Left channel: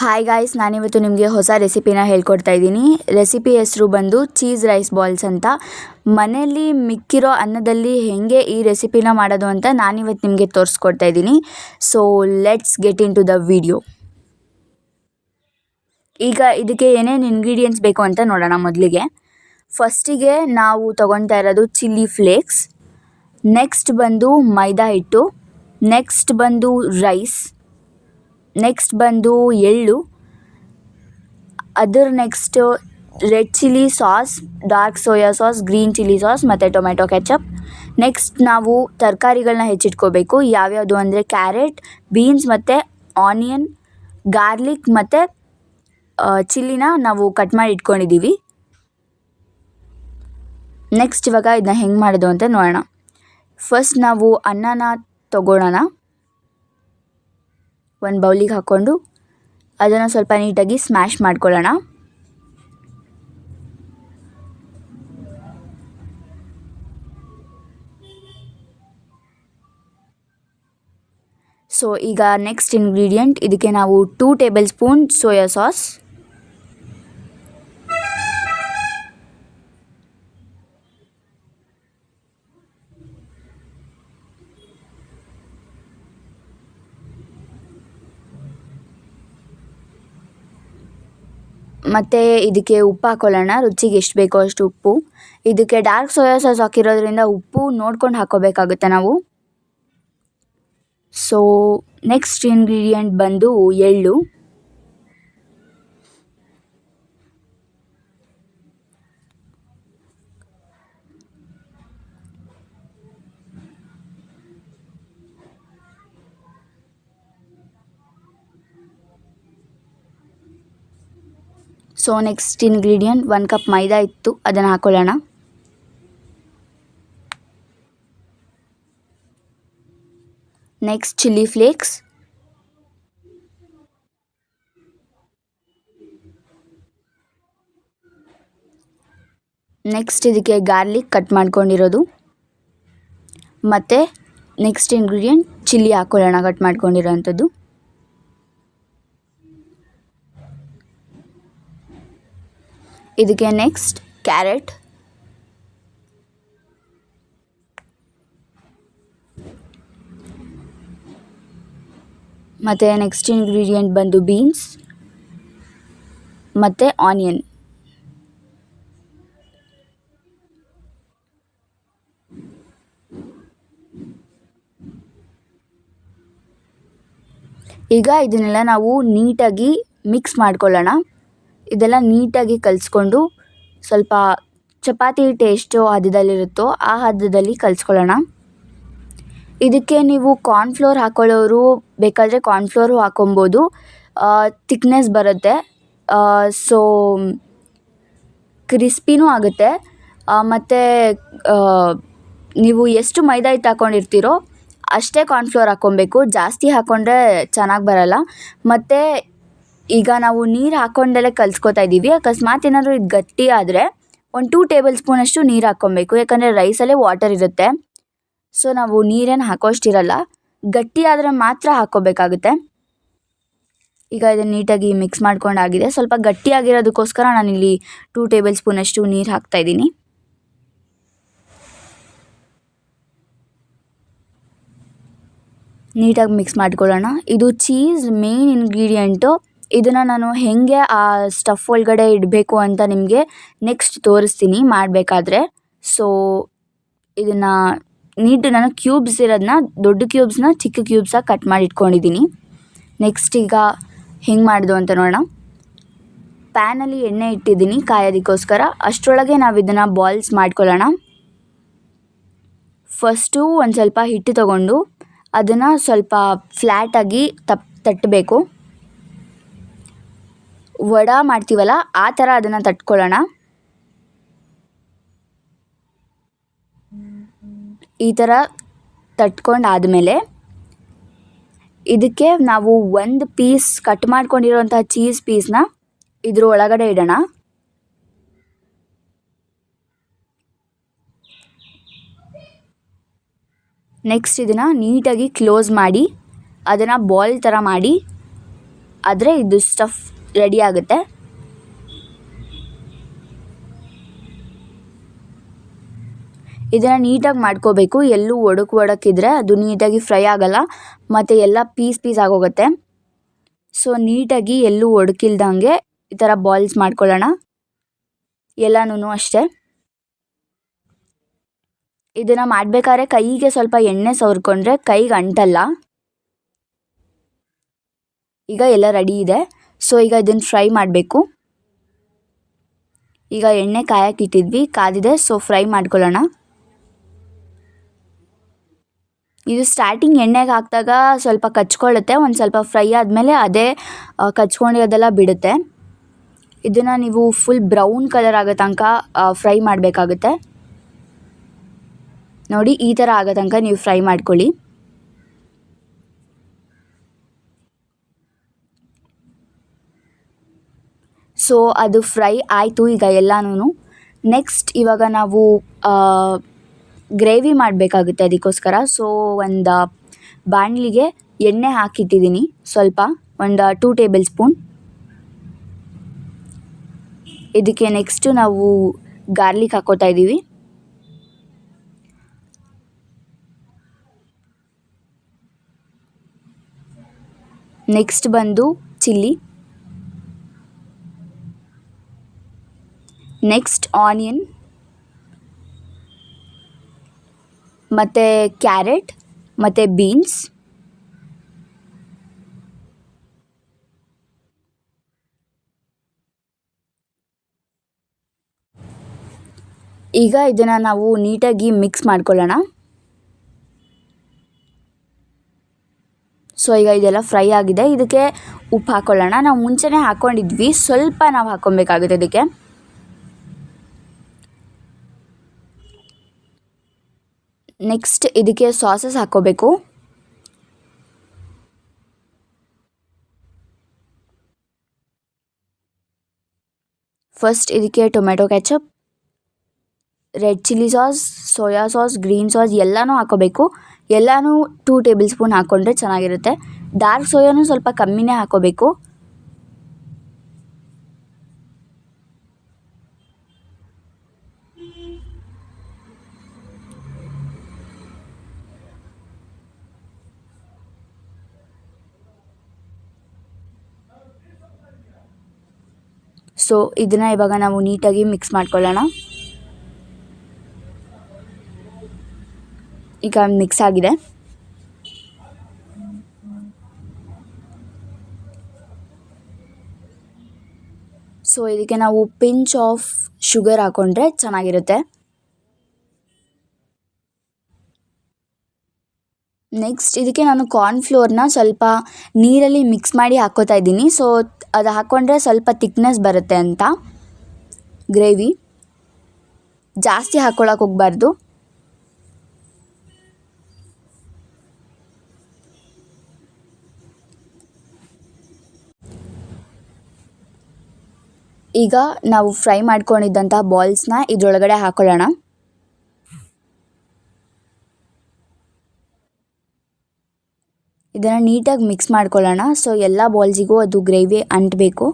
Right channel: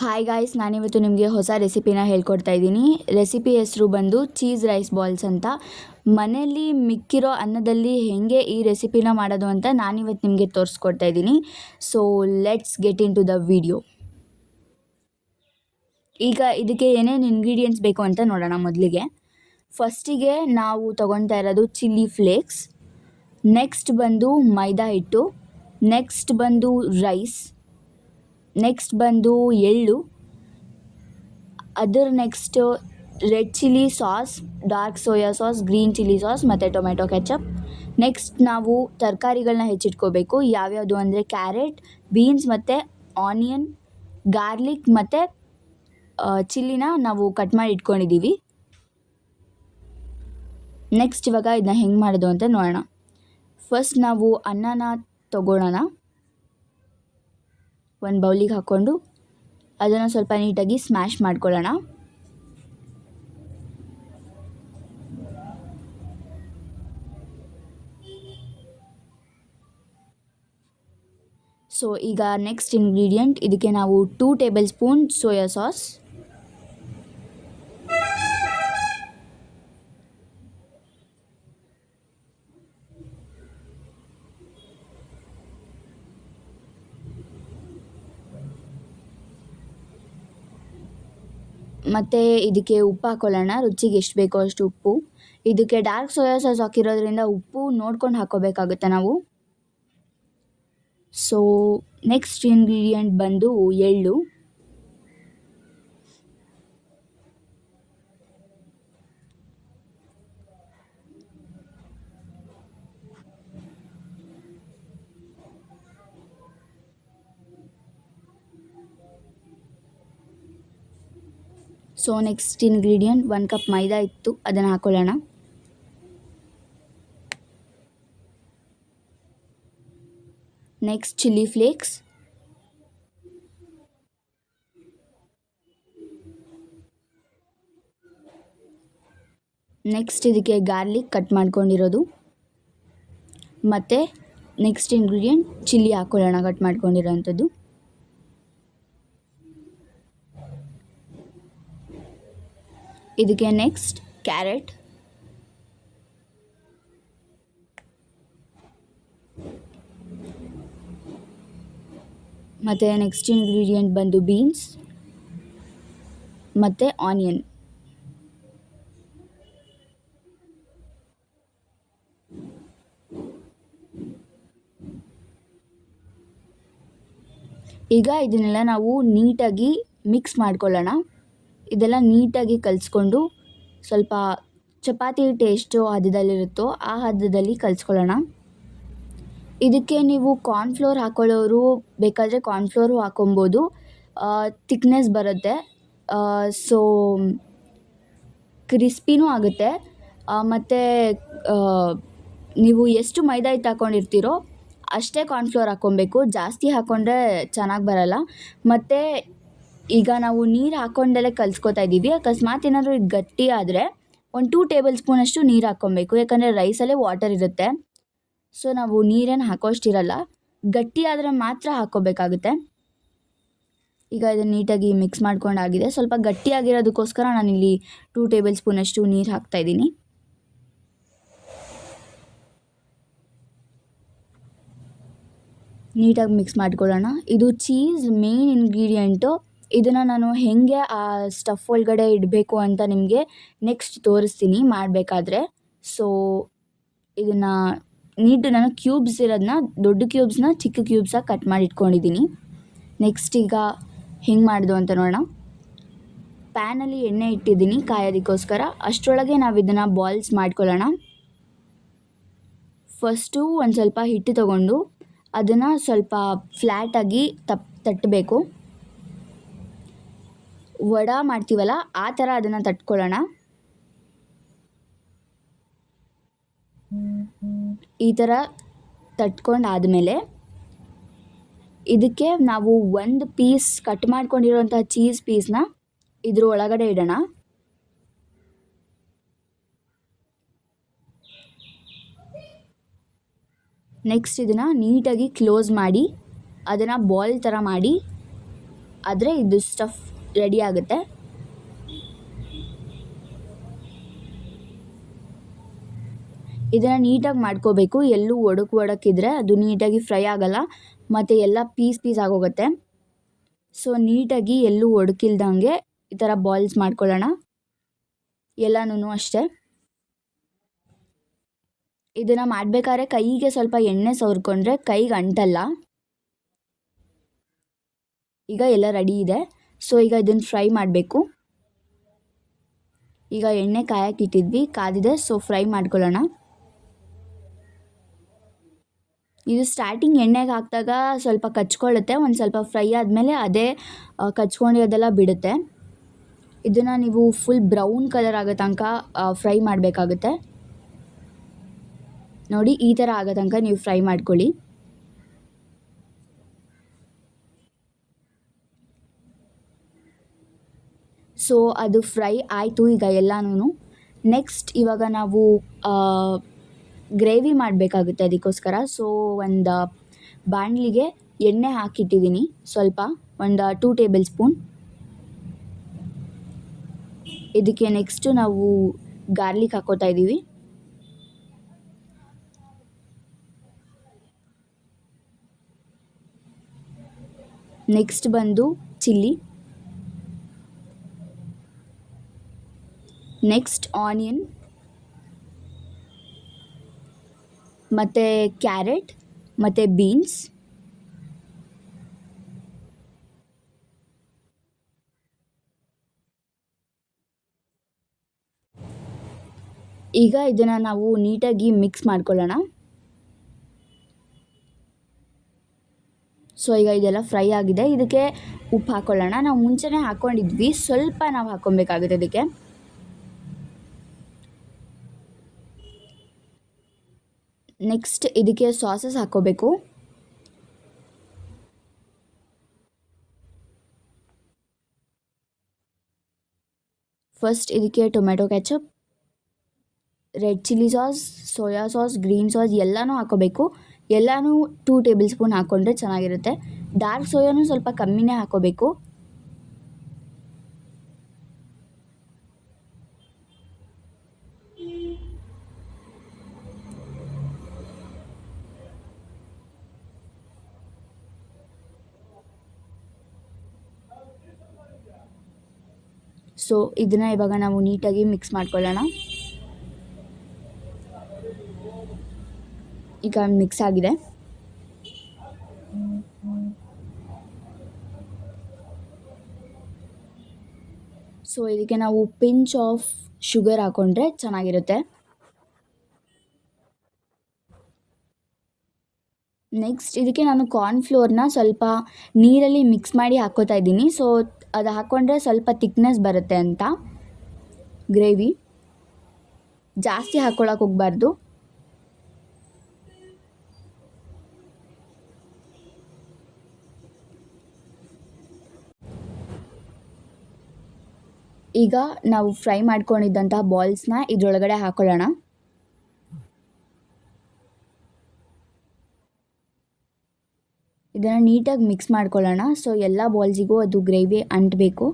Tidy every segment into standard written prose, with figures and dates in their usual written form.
Hi guys, ನಾನಿವತ್ತು ನಿಮಗೆ ಹೊಸ ರೆಸಿಪಿನ ಹೇಳ್ಕೊಡ್ತಾ ಇದ್ದೀನಿ. ರೆಸಿಪಿ ಹೆಸರು ಬಂದು ಚೀಸ್ ರೈಸ್ ಬಾಲ್ಸ್ ಅಂತ. ಮನೆಯಲ್ಲಿ ಮಿಕ್ಕಿರೋ ಅನ್ನದಲ್ಲಿ ಹೇಗೆ ಈ ರೆಸಿಪಿನ ಮಾಡೋದು ಅಂತ ನಾನಿವತ್ತು ನಿಮಗೆ ತೋರಿಸ್ಕೊಡ್ತಾ ಇದ್ದೀನಿ. So let's get into the video. ಈಗ ಇದಕ್ಕೆ ಏನೇನು ಇಂಗ್ರೀಡಿಯೆಂಟ್ಸ್ ಬೇಕು ಅಂತ ನೋಡೋಣ. ಮೊದಲಿಗೆ ಫಸ್ಟಿಗೆ ನಾವು ತೊಗೊಳ್ತಾ ಇರೋದು ಚಿಲ್ಲಿ ಫ್ಲೇಕ್ಸ್, ನೆಕ್ಸ್ಟ್ ಬಂದು ಮೈದಾ ಹಿಟ್ಟು, ನೆಕ್ಸ್ಟ್ ಬಂದು ರೈಸ್, ನೆಕ್ಸ್ಟ್ ಬಂದು ಎಳ್ಳು, ಅದರ next red chilli sauce, dark soya sauce, green chilli sauce ಮತ್ತು ಟೊಮೆಟೊ ಕೆಚಪ್. ನೆಕ್ಸ್ಟ್ ನಾವು ತರಕಾರಿಗಳನ್ನ ಹೆಚ್ಚಿಟ್ಕೋಬೇಕು. ಯಾವ್ಯಾವುದು ಅಂದರೆ ಕ್ಯಾರೆಟ್, ಬೀನ್ಸ್ ಮತ್ತು ಆನಿಯನ್, ಗಾರ್ಲಿಕ್ ಮತ್ತು ಚಿಲ್ಲಿನ ನಾವು ಕಟ್ ಮಾಡಿ ಇಟ್ಕೊಂಡಿದ್ದೀವಿ. ನೆಕ್ಸ್ಟ್ ಇವಾಗ ಇದನ್ನ ಹೆಂಗೆ ಮಾಡೋದು ಅಂತ ನೋಡೋಣ. ಫಸ್ಟ್ ನಾವು ಅನ್ನನ ತಗೊಳ್ಳೋಣ. ಒಂದು ಬೌಲಿಗೆ ಹಾಕ್ಕೊಂಡು ಅದನ್ನು ಸ್ವಲ್ಪ ನೀಟಾಗಿ ಸ್ಮ್ಯಾಶ್ ಮಾಡ್ಕೊಳ್ಳೋಣ. ಸೊ ಈಗ ನೆಕ್ಸ್ಟ್ ಇಂಗ್ರೀಡಿಯೆಂಟ್, ಇದಕ್ಕೆ ನಾವು 2 ಟೇಬಲ್ ಸ್ಪೂನ್ ಸೋಯಾ ಸಾಸ್, ಮತ್ತು ಇದಕ್ಕೆ ಉಪ್ಪು ಹಾಕ್ಕೊಳ್ಳೋಣ. ರುಚಿಗೆ ಎಷ್ಟು ಬೇಕೋ ಅಷ್ಟು ಉಪ್ಪು. ಇದಕ್ಕೆ ಡಾರ್ಕ್ ಸೋಯಾ ಸಾಸ್ ಹಾಕಿರೋದ್ರಿಂದ ಉಪ್ಪು ನೋಡ್ಕೊಂಡು ಹಾಕ್ಕೋಬೇಕಾಗುತ್ತೆ ನಾವು. ಸೊ ನೆಕ್ಸ್ಟ್ ಇಂಗ್ರೀಡಿಯೆಂಟ್ ಬಂದು ಎಳ್ಳು. ಸೊ ನೆಕ್ಸ್ಟ್ ಇಂಗ್ರೀಡಿಯೆಂಟ್ 1 ಕಪ್ ಮೈದಾ ಇತ್ತು, ಅದನ್ನು ಹಾಕ್ಕೊಳ್ಳೋಣ. ನೆಕ್ಸ್ಟ್ ಚಿಲ್ಲಿ ಫ್ಲೇಕ್ಸ್, ನೆಕ್ಸ್ಟ್ ಇದಕ್ಕೆ ಗಾರ್ಲಿಕ್ ಕಟ್ ಮಾಡ್ಕೊಂಡಿರೋದು, ಮತ್ತು ನೆಕ್ಸ್ಟ್ ಇಂಗ್ರೀಡಿಯೆಂಟ್ ಚಿಲ್ಲಿ ಹಾಕ್ಕೊಳ್ಳೋಣ ಕಟ್ ಮಾಡ್ಕೊಂಡಿರೋವಂಥದ್ದು. ಇದಕ್ಕೆ ನೆಕ್ಸ್ಟ್ ಕ್ಯಾರೆಟ್, ಮತ್ತು ನೆಕ್ಸ್ಟ್ ಇಂಗ್ರೀಡಿಯೆಂಟ್ ಬಂದು ಬೀನ್ಸ್ ಮತ್ತು ಆನಿಯನ್. ಈಗ ಇದನ್ನೆಲ್ಲ ನಾವು ನೀಟಾಗಿ ಮಿಕ್ಸ್ ಮಾಡ್ಕೊಳ್ಳೋಣ. ಇದೆಲ್ಲ ನೀಟಾಗಿ ಕಲಿಸ್ಕೊಂಡು ಸ್ವಲ್ಪ ಚಪಾತಿ ಟೇಸ್ಟು ಹದದಲ್ಲಿರುತ್ತೋ ಆ ಹದದಲ್ಲಿ ಕಲಿಸ್ಕೊಳ್ಳೋಣ. ಇದಕ್ಕೆ ನೀವು ಕಾರ್ನ್ಫ್ಲೋರ್ ಹಾಕ್ಕೊಳ್ಳೋರು ಬೇಕಾದರೆ ಕಾರ್ನ್ಫ್ಲೋರು ಹಾಕ್ಕೊಬೋದು, ತಿಕ್ನೆಸ್ ಬರುತ್ತೆ. ಸೊ ಕ್ರಿಸ್ಪಿನೂ ಆಗುತ್ತೆ. ಮತ್ತು ನೀವು ಎಷ್ಟು ಮೈದಾ ಹಿಟ್ಟು ಹಾಕ್ಕೊಂಡಿರ್ತೀರೋ ಅಷ್ಟೇ ಕಾರ್ನ್ಫ್ಲೋರ್ ಹಾಕ್ಕೊಬೇಕು. ಜಾಸ್ತಿ ಹಾಕ್ಕೊಂಡ್ರೆ ಚೆನ್ನಾಗಿ ಬರಲ್ಲ. ಮತ್ತು ಈಗ ನಾವು ನೀರು ಹಾಕ್ಕೊಂಡಲ್ಲೇ ಕಲಿಸ್ಕೊತಾ ಇದ್ದೀವಿ. ಅಕಸ್ಮಾತ್ ಏನಾದರೂ ಇದು ಗಟ್ಟಿ ಆದರೆ ಒಂದು 2 ಟೇಬಲ್ ಸ್ಪೂನಷ್ಟು ನೀರು ಹಾಕ್ಕೊಬೇಕು. ಯಾಕಂದರೆ ರೈಸಲ್ಲೇ ವಾಟರ್ ಇರುತ್ತೆ. ಸೊ ನಾವು ನೀರೇನು ಹಾಕೋಷ್ಟಿರಲ್ಲ, ಗಟ್ಟಿ ಆದರೆ ಮಾತ್ರ ಹಾಕ್ಕೋಬೇಕಾಗುತ್ತೆ. ಈಗ ಇದನ್ನು ನೀಟಾಗಿ ಮಿಕ್ಸ್ ಮಾಡ್ಕೊಂಡಾಗಿದೆ. ಸ್ವಲ್ಪ ಗಟ್ಟಿಯಾಗಿರೋದಕ್ಕೋಸ್ಕರ ನಾನಿಲ್ಲಿ 2 ಟೇಬಲ್ ಸ್ಪೂನಷ್ಟು ನೀರು ಹಾಕ್ತಾಯಿದ್ದೀನಿ. ನೀಟಾಗಿ ಮಿಕ್ಸ್ ಮಾಡ್ಕೊಳ್ಳೋಣ. ಇದು ಚೀಸ್ ಮೇನ್ ಇಂಗ್ರೀಡಿಯೆಂಟು. ಇದನ್ನು ನಾನು ಹೇಗೆ ಆ ಸ್ಟಫ್ ಒಳಗಡೆ ಇಡಬೇಕು ಅಂತ ನಿಮಗೆ ನೆಕ್ಸ್ಟ್ ತೋರಿಸ್ತೀನಿ ಮಾಡಬೇಕಾದ್ರೆ. ಸೊ ಇದನ್ನು ನಾನು ಕ್ಯೂಬ್ಸ್ ಇರೋದನ್ನ, ದೊಡ್ಡ ಕ್ಯೂಬ್ಸ್ನ ಚಿಕ್ಕ ಕ್ಯೂಬ್ಸಾಗಿ ಕಟ್ ಮಾಡಿ ಇಟ್ಕೊಂಡಿದ್ದೀನಿ. ನೆಕ್ಸ್ಟ್ ಈಗ ಹೆಂಗೆ ಮಾಡೋದು ಅಂತ ನೋಡೋಣ. ಪ್ಯಾನಲ್ಲಿ ಎಣ್ಣೆ ಇಟ್ಟಿದ್ದೀನಿ ಕಾಯೋದಕ್ಕೋಸ್ಕರ. ಅಷ್ಟರೊಳಗೆ ನಾವು ಇದನ್ನು ಬಾಲ್ಸ್ ಮಾಡ್ಕೊಳ್ಳೋಣ. ಫಸ್ಟು ಒಂದು ಸ್ವಲ್ಪ ಹಿಟ್ಟು ತಗೊಂಡು ಅದನ್ನು ಸ್ವಲ್ಪ ಫ್ಲ್ಯಾಟಾಗಿ ತಟ್ಟಬೇಕು. ವಡೆ ಮಾಡ್ತೀವಲ್ಲ ಆ ಥರ ಅದನ್ನು ತಟ್ಕೊಳ್ಳೋಣ. ಈ ಥರ ತಟ್ಕೊಂಡಾದಮೇಲೆ ಇದಕ್ಕೆ ನಾವು ಒಂದು ಪೀಸ್ ಕಟ್ ಮಾಡ್ಕೊಂಡಿರೋಂಥ ಚೀಸ್ ಪೀಸ್ನ ಇದ್ರ ಒಳಗಡೆ ಇಡೋಣ. ನೆಕ್ಸ್ಟ್ ಇದನ್ನು ನೀಟಾಗಿ ಕ್ಲೋಸ್ ಮಾಡಿ ಅದನ್ನು ಬಾಲ್ ಥರ ಮಾಡಿ ಆದರೆ ಇದು ಸ್ಟಫ್ ರೆಡಿ ಆಗುತ್ತೆ. ಇದನ್ನು ನೀಟಾಗಿ ಮಾಡ್ಕೋಬೇಕು. ಎಲ್ಲೂ ಒಡಕಿದ್ರೆ ಅದು ನೀಟಾಗಿ ಫ್ರೈ ಆಗಲ್ಲ ಮತ್ತು ಎಲ್ಲ ಪೀಸ್ ಆಗೋಗುತ್ತೆ. ಸೊ ನೀಟಾಗಿ ಎಲ್ಲೂ ಒಡಕಿಲ್ದಂಗೆ ಈ ಥರ ಬಾಲ್ಸ್ ಮಾಡ್ಕೊಳ್ಳೋಣ ಎಲ್ಲನೂ ಅಷ್ಟೇ. ಇದನ್ನು ಮಾಡಬೇಕಾದ್ರೆ ಕೈಗೆ ಸ್ವಲ್ಪ ಎಣ್ಣೆ ಸವರ್ಕೊಂಡ್ರೆ ಕೈಗೆ ಅಂಟಲ್ಲ. ಈಗ ಎಲ್ಲ ರೆಡಿ ಇದೆ. ಸೊ ಈಗ ಇದನ್ನು ಫ್ರೈ ಮಾಡಬೇಕು. ಈಗ ಎಣ್ಣೆ ಕಾಯಕ್ಕೆ ಇಟ್ಟಿದ್ವಿ, ಕಾದಿದೆ. ಸೊ ಫ್ರೈ ಮಾಡ್ಕೊಳ್ಳೋಣ. ಇದು ಸ್ಟಾರ್ಟಿಂಗ್ ಎಣ್ಣೆಗೆ ಹಾಕಿದಾಗ ಸ್ವಲ್ಪ ಕಚ್ಕೊಳ್ಳುತ್ತೆ. ಒಂದು ಸ್ವಲ್ಪ ಫ್ರೈ ಆದಮೇಲೆ ಅದೇ ಕಚ್ಕೊಂಡಿರೋದೆಲ್ಲ ಬಿಡುತ್ತೆ. ಇದನ್ನು ನೀವು ಫುಲ್ ಬ್ರೌನ್ ಕಲರ್ ಆಗೋ ತನಕ ಫ್ರೈ ಮಾಡಬೇಕಾಗುತ್ತೆ. ನೋಡಿ, ಈ ಥರ ಆಗೋ ತನಕ ನೀವು ಫ್ರೈ ಮಾಡ್ಕೊಳ್ಳಿ. ಸೊ ಅದು ಫ್ರೈ ಆಯಿತು ಈಗ ಎಲ್ಲನೂ. ನೆಕ್ಸ್ಟ್ ಇವಾಗ ನಾವು ಗ್ರೇವಿ ಮಾಡಬೇಕಾಗುತ್ತೆ ಅದಕ್ಕೋಸ್ಕರ. ಸೊ ಒಂದು ಬಾಣಲಿಗೆ ಎಣ್ಣೆ ಹಾಕಿಟ್ಟಿದ್ದೀನಿ ಸ್ವಲ್ಪ, ಒಂದು 2 ಟೇಬಲ್ ಸ್ಪೂನ್. ಇದಕ್ಕೆ ನೆಕ್ಸ್ಟು ನಾವು ಗಾರ್ಲಿಕ್ ಹಾಕೋತಾ ಇದ್ದೀವಿ. ನೆಕ್ಸ್ಟ್ ಬಂದು ಚಿಲ್ಲಿ. ನೆಕ್ಸ್ಟ್ ಆನಿಯನ್ ಮತ್ತು ಕ್ಯಾರೆಟ್ ಮತ್ತು ಬೀನ್ಸ್. ಈಗ ಇದನ್ನು ನಾವು ನೀಟಾಗಿ ಮಿಕ್ಸ್ ಮಾಡ್ಕೊಳ್ಳೋಣ. ಸೊ ಈಗ ಇದೆಲ್ಲ ಫ್ರೈ ಆಗಿದೆ. ಇದಕ್ಕೆ ಉಪ್ಪು ಹಾಕ್ಕೊಳ್ಳೋಣ. ನಾವು ಮುಂಚೆನೇ ಹಾಕ್ಕೊಂಡಿದ್ವಿ, ಸ್ವಲ್ಪ ನಾವು ಹಾಕ್ಕೊಬೇಕಾಗುತ್ತೆ ಇದಕ್ಕೆ. ನೆಕ್ಸ್ಟ್ ಇದಕ್ಕೆ ಸಾಸಸ್ ಹಾಕ್ಕೋಬೇಕು. ಫಸ್ಟ್ ಇದಕ್ಕೆ tomato ketchup, red chilli sauce, soya sauce, green sauce ಎಲ್ಲನೂ ಹಾಕ್ಕೋಬೇಕು. ಎಲ್ಲನೂ 2 ಟೇಬಲ್ ಸ್ಪೂನ್ ಹಾಕ್ಕೊಂಡ್ರೆ ಚೆನ್ನಾಗಿರುತ್ತೆ. ಡಾರ್ಕ್ ಸೋಯಾನೂ ಸ್ವಲ್ಪ ಕಮ್ಮಿನೇ ಹಾಕ್ಕೋಬೇಕು. ಸೊ ಇದನ್ನು ಇವಾಗ ನಾವು ನೀಟಾಗಿ ಮಿಕ್ಸ್ ಮಾಡ್ಕೊಳ್ಳೋಣ. ಈಗ ಮಿಕ್ಸ್ ಆಗಿದೆ. ಸೊ ಇದಕ್ಕೆ ನಾವು ಪಿಂಚ್ ಆಫ್ ಶುಗರ್ ಹಾಕ್ಕೊಂಡ್ರೆ ಚೆನ್ನಾಗಿರುತ್ತೆ. ನೆಕ್ಸ್ಟ್ ಇದಕ್ಕೆ ನಾನು ಕಾರ್ನ್ಫ್ಲೋರ್ನ ಸ್ವಲ್ಪ ನೀರಲ್ಲಿ ಮಿಕ್ಸ್ ಮಾಡಿ ಹಾಕ್ಕೋತಾ ಇದ್ದೀನಿ. ಸೊ ಅದು ಹಾಕ್ಕೊಂಡ್ರೆ ಸ್ವಲ್ಪ ತಿಕ್ನೆಸ್ ಬರುತ್ತೆ ಅಂತ. ಗ್ರೇವಿ ಜಾಸ್ತಿ ಹಾಕ್ಕೊಳಕ್ಕೆ ಹೋಗಬಾರ್ದು. ಈಗ ನಾವು ಫ್ರೈ ಮಾಡ್ಕೊಂಡಿದ್ದಂಥ ಬಾಲ್ಸ್ನ ಇದರೊಳಗಡೆ ಹಾಕ್ಕೊಳ್ಳೋಣ. ಇದನ್ನು ನೀಟಾಗಿ ಮಿಕ್ಸ್ ಮಾಡ್ಕೊಳ್ಳೋಣ. ಸೊ ಎಲ್ಲ ಬಾಲ್ಸಿಗೂ ಅದು ಗ್ರೇವಿ ಅಂಟಬೇಕು.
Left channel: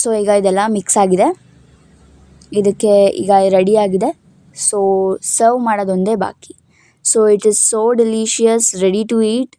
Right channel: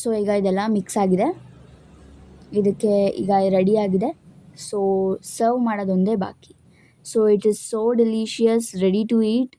ಸೊ ಈಗ ಇದೆಲ್ಲ ಮಿಕ್ಸ್ ಆಗಿದೆ. ಇದಕ್ಕೆ ಈಗ ರೆಡಿಯಾಗಿದೆ. ಸೊ ಸರ್ವ್ ಮಾಡೋದೊಂದೇ ಬಾಕಿ. So it is so delicious, ready to heat.